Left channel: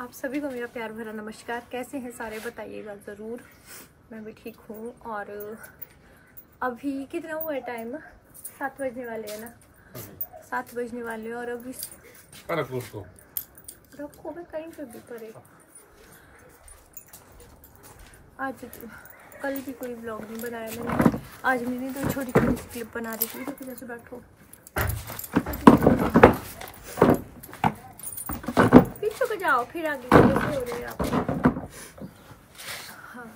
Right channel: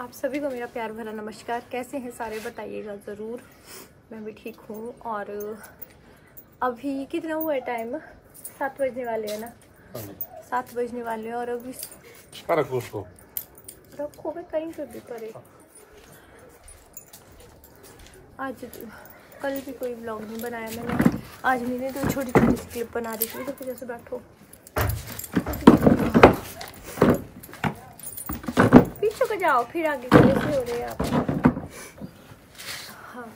आप सभी को मेरा प्यार भरा नमस्कार। कैसे हैं सारे बताइएगा ज़रूर। मैं भी ठीक हूँ। और अभी कितना हुआ है टाइम? 7 बजने वाले हैं ना, 7 बजने वाले हैं। और अभी रखो मैं कहीं पर भी करे। आज कल भी कोई ब्लॉग नहीं बनाया मैंने। आज मैंने तो छोटी छोटी सी क्लिप बना दी थी। इधर जैसे बैठो, पीछे को जाओ, फिर आगे कैसे हो रहे हैं आप। हाँ,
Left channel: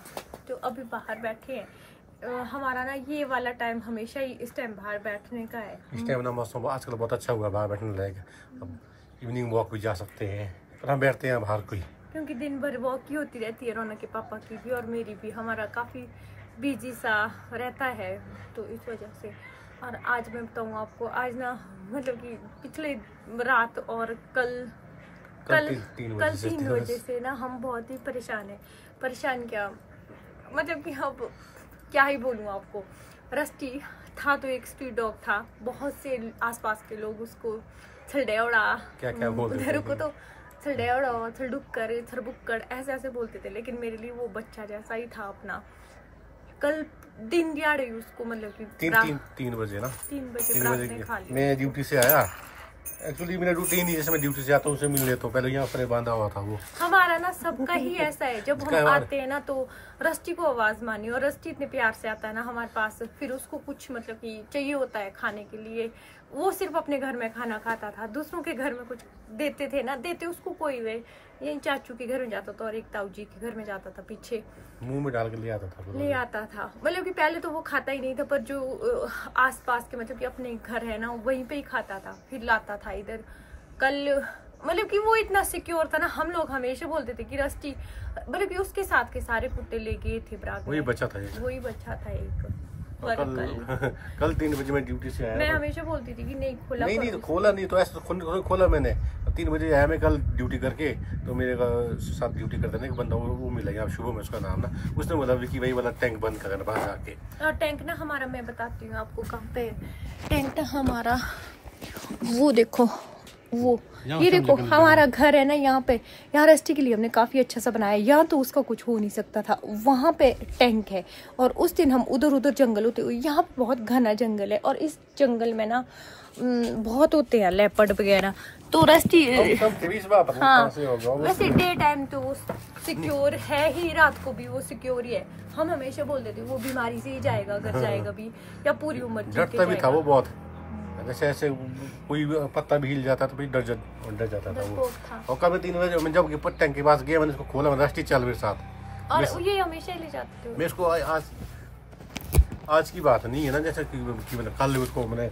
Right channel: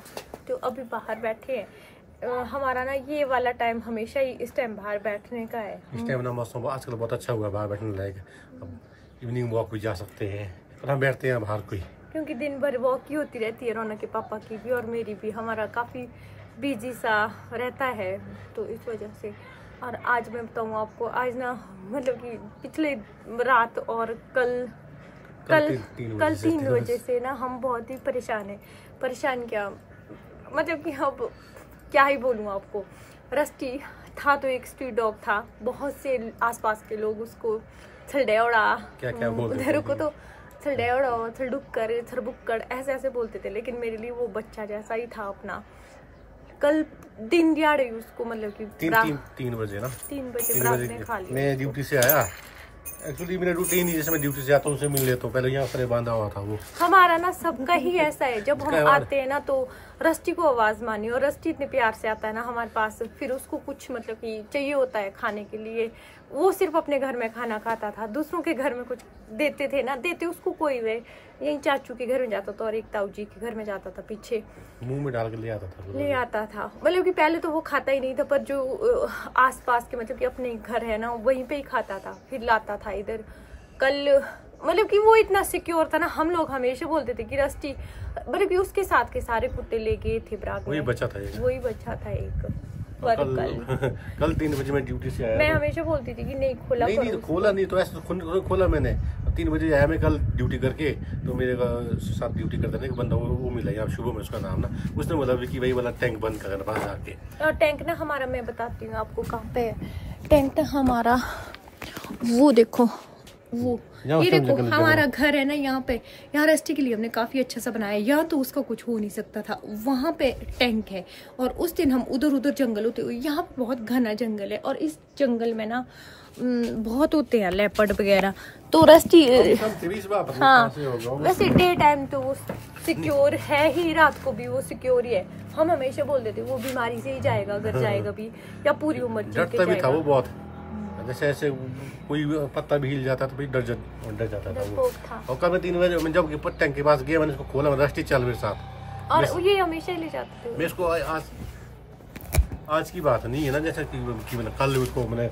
तो अभी बाहर बैठे हैं। हमारा ना ये वाला टाइम हमेशा ही इस टाइम बाहर बैठने का है। इस टाइम ना मौसम आजकल बहुत अच्छा हुआ, बाहर बैठने लायक। अब इवनिंग वॉक भी जा सकते हैं, पर हम बैठते हैं बाहर कोई, क्योंकि दिन भर वॉक ही होती रहती है। रौनक के पापा की भी और मेरी भी। हमारा काफ़ी बिजी सा रहता है, तो इस वजह से। और आज मैं बताऊँ आपको, आज ना मतलब कि पिछले रात और कल 3 बजे से ना हम बहुत ही परेशान हैं। परेशान क्या मतलब कि अब क्या ही बोलूँ आपको। रस्टी था तो एक स्ट्रीट डॉग था। बहुत से आसपास के लोग उसको छलडेवड़ा क्या बोलते थे को तो छलडेवड़ा, छलडुक्कर, छरबुक्कड़ ऐसे ऐसे बोलते थे। लेकिन मेरे लिए वो बच्चा जैसा ही था अपना। कल दिन दिहाड़े उसको मतलब कि 3 बजे ना 3 बजे मैं ड्यूटी से आया। एक्चुअली मेरा रूटीन ही, जैसे मैं ड्यूटी से आता हूँ उसे मिल लेता हूँ। पहले यहाँ पर बांधा हुआ था वो। हमारा ना सबका ही ऐसा है। जब हम आते हैं ना तो रस्टी को आवाज मानी, और रस्टी इतने प्यार से आता है ना हमारे पास। फिर उसको कुछ मतलब कि चाहिए होता है खाने के लिए। वो सिर्फ अपने घर में खाना खाता था, दूसरों के घर में कुछ देते थे ना देते उसको कोई वे। यही चाचू के घर में जाता था और एक ताऊ जी के घर में जाता था, पीछे मुंह में डाल के ले आता था। मतलब कि पहले तो वो खाता ही नहीं था, पर जो आसपास के मतलब कि अपने घर है ना वहीं पे ही खाता था, फिर लाता था इधर। कल मतलब कि वो इतना सिक्योर था ना। हम लोग हमेशा बोलते थे कि रस्टी, मतलब कि उसके साथ के सारे कुत्ते ले गए थे बराबर। वही बच्चा था एक। कल 3 बजे मैं ड्यूटी से आया। मैं हमेशा बोलती थी कि नहीं खोला नहीं तो खोला नहीं, तो ऐसा खोला मैंने। 3 बजे आया मैं कल ड्यूटी करके। तो मेरे साथ ड्यूटी करते ना एक बंदा, वो मिला यहाँ शुभ में, उसका नाम ना। उसने बोला कि वही वाला टैंक बंद करना बाहर जाके। और टैंक ना हमारा, मैं बताती हूँ आपको कहाँ पे है टैंक ना हमारा। वो देखो, वो ये देखो हमारा घर है ना यहाँ पे। यहाँ रस्टी के लिए हमने काफी अच्छा सा बनाया है। यहाँ तो उसका कुछ हो नहीं सकता था, वहां पे टैंक है। और उस दिन हम उधर जंगल होते हुए, यहाँ पे बहुत घना जंगल है। और इस जंगल में ना बहुत होते हैं लेपर्ड वगैरह। तो रस्टी हाँ, वैसे डे टाइम तो वो सिक्योर है ही, रात को भी वो सिक्योर ही है। हम हमेशा बोल देते वो बीमारी से ही जाएगा अगर जाएगा भी, या पूरी उम्र डरता भी था वो बहुत। जैसे ऐसे कोई पत्ता भी हिल जाता तो डर जाता था वो। और कल 3 बजे मैं जब टैंक के पास गया, मैंने इसको खोला, रस्टी चल मेरे साथ। और ये हमेशा ले जाते थे। मैं इसको आज की बात नहीं है ना, जैसे कि मतलब कल उसको मैंने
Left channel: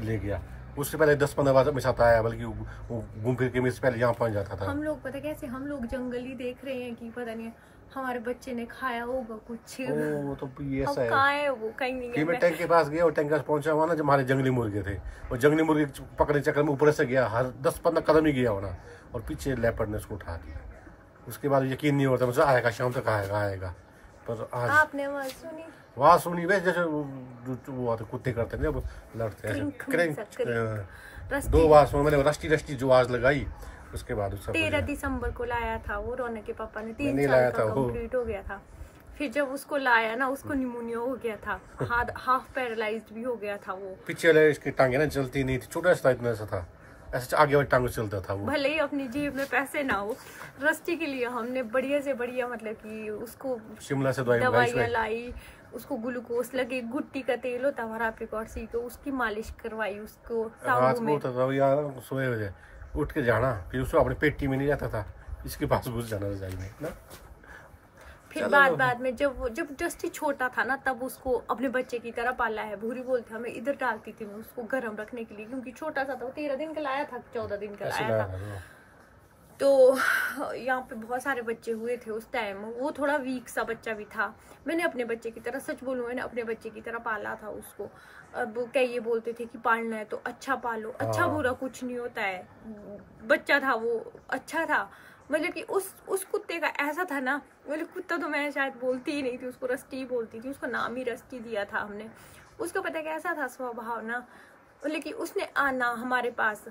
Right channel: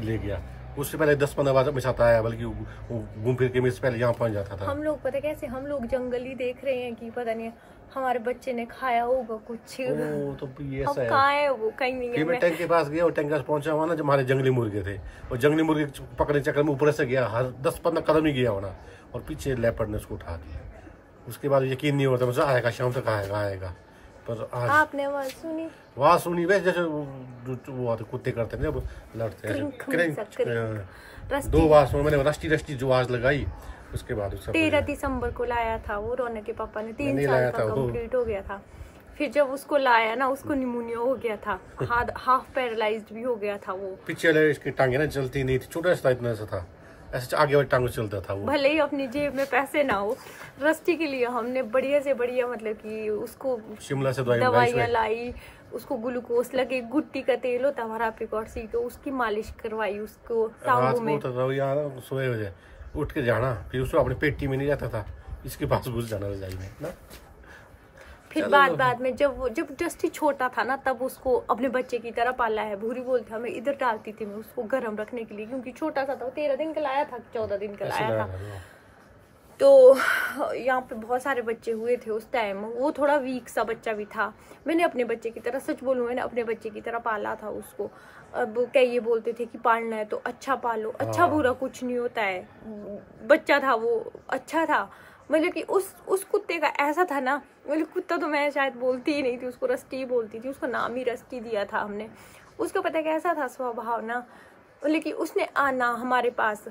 ले गया। उससे पहले 10-15 बार मेरे साथ आया, बल्कि वो घूम फिर के मेरे से पहले यहाँ पहुँच जाता था। हम लोग पता कैसे, हम लोग जंगल ही देख रहे हैं कि पता नहीं हमारे बच्चे ने खाया होगा कुछ। ओ, तो ये ऐसा है वो कहीं नहीं। फिर मैं टैंक के पास गया, और टैंक के पास पहुंचा हुआ ना, जब हमारे जंगली मुर्गे थे। और जंगली मुर्गे पकड़ने चक्कर में ऊपर से गया, हर 10-15 कदम ही गया होना, और पीछे लेपर्ड ने उसको उठा दिया। उसके बाद यकीन नहीं होता मुझे, आएगा शाम तक आएगा। पर आज आपने आवाज सुनी वैसे जैसे वो कुत्ते करते हैं जब लड़ते हैं। 2 बार मैंने रस्टी जो आवाज लगाई। उसके बाद 13 दिसंबर को लाया था वो रौनक के पापा ने। 3 साल का कंप्लीट हो गया था। फिर जब उसको लाया ना, उसको निमोनिया हो गया था, हाफ पैरालाइज्ड भी हो गया था वो। पीछे वाले इसकी टांगे ना चलती नहीं थी, छोटा सा इतना सा था, ऐसे आगे वाली टांगों चलता था वो। भले ही अपनी जेब में पैसे ना हो, रस्टी के लिए हमने बढ़िया से बढ़िया मतलब कि उसको शिमला से दवाइयाँ लाई, उसको ग्लूकोज लगे, गुट्टी का तेल होता हमारा एप्रिकॉट सीड, तो उसकी मालिश करवाई उसको। सोए हो जाए उठ के जाना, फिर उसको अपनी पेटी में नहीं जाता था, इसके पास घुस जाना रजाई में ना। फिर बाद में जब जस्टी छोटा था ना, तब उसको अपने बच्चे की तरह पाला है। भूरी बोलते हमें इधर डालती थी मैं उसको गर्म रखने के लिए, क्योंकि छोटा सा था। 13 दिन का लाया था, 14 दिन का लाया था। तो यहाँ पे बहुत सारे बच्चे हुए थे उस टाइम। वो थोड़ा वीक सा बच्चा भी था। मैंने अपने बच्चे की तरह, सच बोलूँ, मैंने अपने बच्चे की तरह पाला था उसको। अब क्या ये बोलते थे कि पालना है तो अच्छा पालो, अच्छा बुरा कुछ नहीं होता है। बच्चा था वो, अच्छा था। मतलब कि उस कुत्ते का ऐसा था ना, मतलब कुत्ता तो मैं शायद बोलती ही नहीं थी, उसको रस्टी बोलती थी। उसको नाम ही रस्टी दिया था हमने। उसका पता कैसा था स्वभाव ना, लेकिन उसने आना हमारे पास।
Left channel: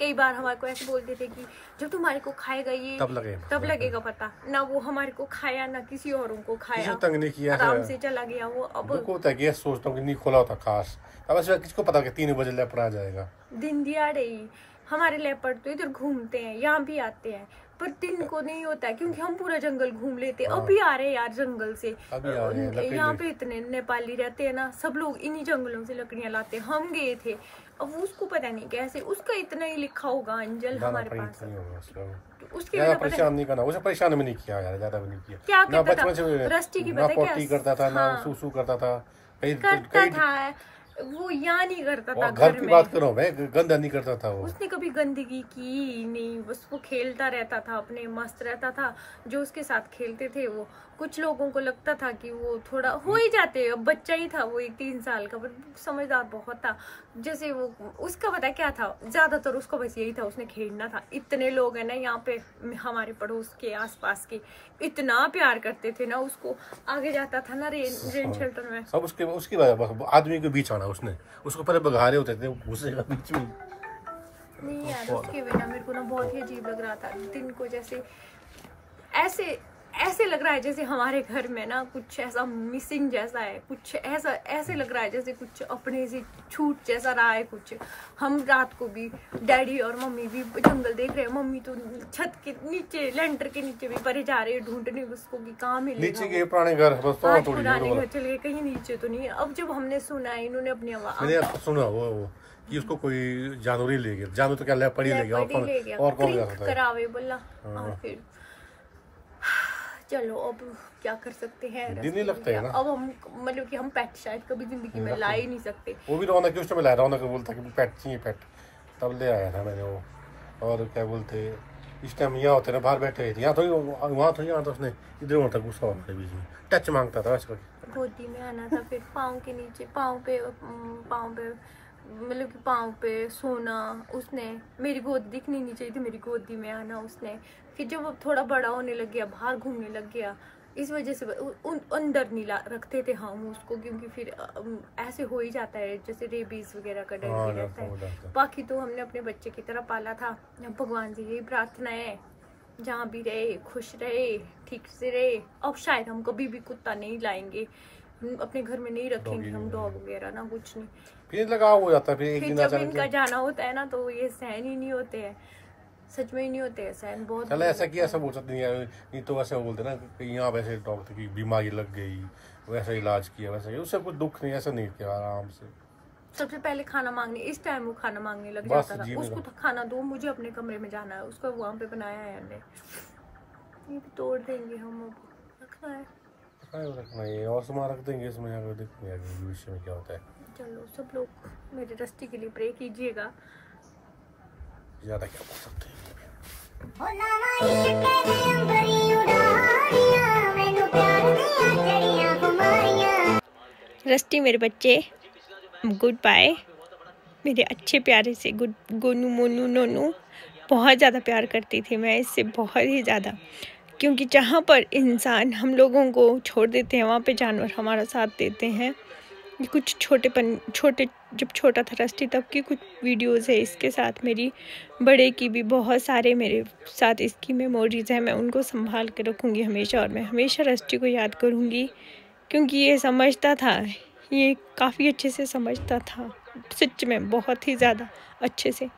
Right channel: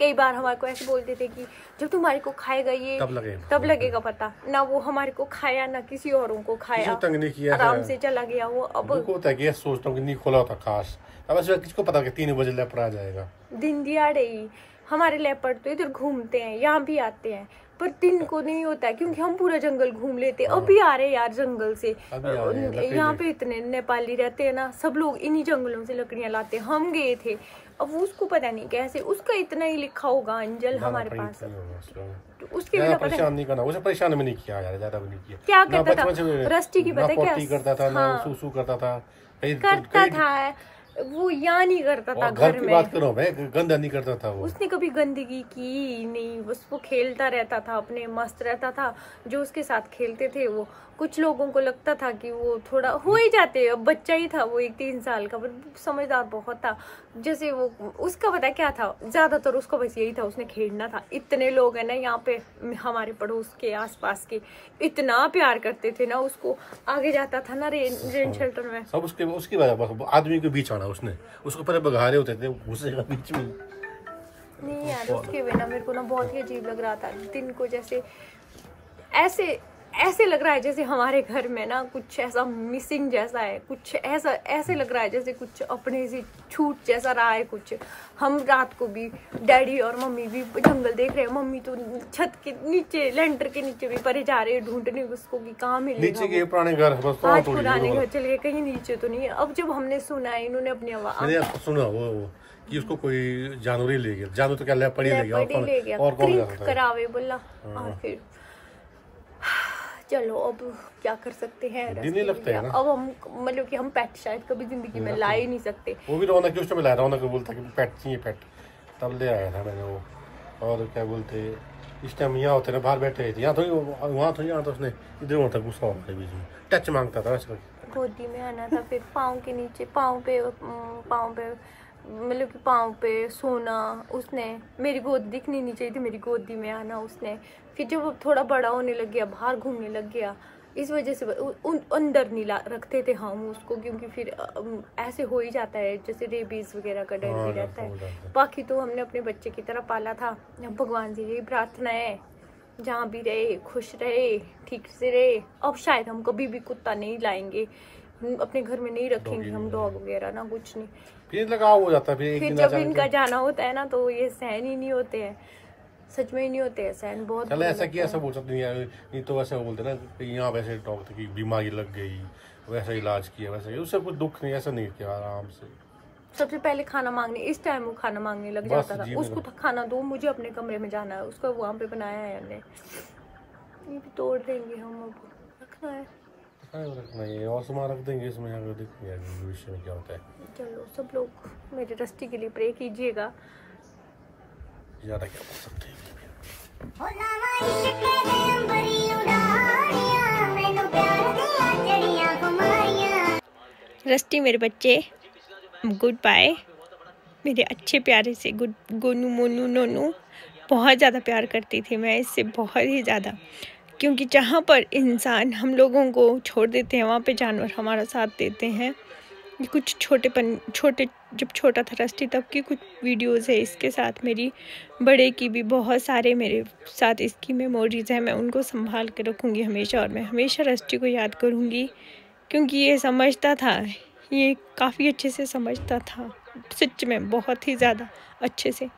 कई बार हमारे को ऐसे बोलते थे कि जब तुम्हारे को खाएगा ये तब लगेगा पता। ना वो हमारे को खाया ना किसी औरों को खाया, तंग नहीं किया, आराम से चला गया वो। अब होता है कि सोचता हूँ कि नहीं खोला होता खास, अब ऐसे किसको पता कि 3 बजे लेपर आ जाएगा। दिन दिहाड़े ही हमारे लेपर्ड तो इधर घूमते हैं, यहाँ भी आते हैं, पर दिन को नहीं होता है क्योंकि हम पूरा जंगल घूम लेते हैं। अभी आ रहे यार जंगल से, यहाँ पे इतने नेपाली रहते हैं ना, सब लोग इन्हीं जंगलों से लकड़ियां लाते हैं। हम गए थे, अब उसको पता नहीं कैसे, उसका इतना ही लिखा होगा अंजल हमारे पास, तो उसके ज्यादा परेशान नहीं करना, उसे परेशान भी नहीं किया यार, ज्यादा भी नहीं किया। क्या ना बचपन से रस्टी की ना पोटी करता था, ना सूसू करता था, वो यहाँ नहीं करता था। घर की बात करो मैं, गंदा नहीं करता था वो। उसने कभी गंदगी की नहीं, बस वो खेलता रहता था, अपने मस्त रहता था। जो उसके साथ खेलते थे वो, कुछ लोगों को लगता था कि वो थोड़ा हो ही जाते, अब बच्चा ही था वो, 3 साल का, समझदार बहुत था। जैसे वो उसका पता क्या था, ज्यादातर उसका बस यही था, उसने खेलना था। इतने लोग है ना यहाँ पे हमारे पड़ोस के आसपास के, इतना प्यार करते थे ना उसको। आगे जाता था ना रेन शेल्टर में, सब उसकी वजह, बस आदमी के बीच आना उसने, उसको पहले बघारे होते थे, घुसेगा बीच में। नहीं यार, उसके बिना मेरे को ना बहुत ही अजीब लग रहा था। दिन को जैसे ऐसे लग रहा है जैसे हमारे घर में ना कुछ ऐसा मिसिंग जैसा है, कुछ ऐसे लग रहा है जैसे कुछ अपने से छूट जैसा रहा है कुछ। हम रात को भी डैडी और मम्मी भी जंगल देख रहे हैं, मम्मी तो छत के नीचे, लेंटर के नीचे भी परे जा रहे हैं ढूंढने उसको कि कहाँ मिलेगा। नीचे के पुराने घर पुराने घर चले गए, कहीं नीचे तो नहीं है। अब जब हमने सुना है, इन्होंने अपनी आवाज सुना वो कि उसको कोई जानवर ही ले गया, जानवर तो क्या लेपर्ड ही ले गया, और कौन जा सकता है करावे बोला। फिर चलो अब क्या कर सकते हैं, दिन नहीं लगते हैं ना। अब हम मतलब कि हम पेट शायद कभी जिंदगी में ला ही नहीं सकते। वो भी रौनक उस टाइम लाया, रौनक बोलता कि पेट चाहिए पेट, तब ले आया था मैंने वो। और क्या बोलते, इस टाइम यहाँ होते ना, बाहर बैठे थे, यहाँ तो वहाँ तो यहाँ तो उसने इधर वहाँ तक गुस्सा होता है, बीच में टच मांगता था वैसे। गोदी में आना था, फिर पाँव के नीचे, पाँव पे मतलब कि पाँव पे सोना उसने। मेरी गोद दिखनी नहीं चाहिए थी, मेरी गोदी में आना उसने। फिर जब वो थोड़ा बड़ा होने लग गया, बाहर घूमने लग गया, इस वजह से अंदर नहीं रखते थे हम उसको, क्योंकि फिर ऐसे हो ही जाता है जैसे रेबीज वगैरह का डर भी रहता है। बाकी तो हमने अपने बच्चे की तरह पाला था। भगवान से यही प्रार्थना है, जहाँ भी रहे खुश रहे, ठीक से रहे। अब शायद हम कभी भी कुत्ता नहीं लाएंगे, अपने घर में नहीं रखेंगे हम डॉग वगैरह ना, कुछ नहीं। फिर लगाव हो जाता है, फिर जब इनका जाना होता है ना तो ये सहन ही नहीं होते हैं, सच में ही नहीं होते हैं सहन। बहुत चलो ऐसा किया, ऐसा बोल सकते नहीं तो वैसे बोलते ना कि यहाँ वैसे डॉक्टर की बीमारी लग गई, वैसा इलाज किया, वैसा उससे कुछ दुख नहीं, ऐसा नहीं किया, आराम से। सबसे पहले खाना मांगने, इस टाइम वो खाना मांगने लग जाता था। उसको खाना दो, मुझे अपने कमरे में जाना है, उसका वहाँ पे बनाया है हमने। ये भी तोड़ देंगे हम, अब रखना है, रखना है और सामान रख देंगे इसमें, आगे देखेंगे भविष्य में क्या होता है। चलो सब लोग मेरे रस्टी के लिए प्रे कीजिएगा। ज्यादा क्या बोल सकते हैं। रस्टी मेरे बच्चे, गुड बाय मेरे अच्छे प्यारे से गुड गोनू मोनू नोनू। बहुत ज़्यादा प्यार करती थी मैं इससे, बहुत ही ज़्यादा, क्योंकि जहाँ पर इंसान हम लोगों को छोड़ देते हैं वहाँ पे जानवर हमारा साथ देते हैं। कुछ छोटे जब छोटा था रस्टी तब की कुछ वीडियोस है इसके साथ, मेरी बड़े की भी बहुत सारे मेरे साथ इसकी मेमोरीज है। मैं उनको संभाल के रखूँगी हमेशा, और मैं हमेशा रस्टी को याद करूँगी, क्योंकि ये समझता था, ये काफ़ी अच्छे से समझता था, सच में बहुत ही ज़्यादा अच्छे से।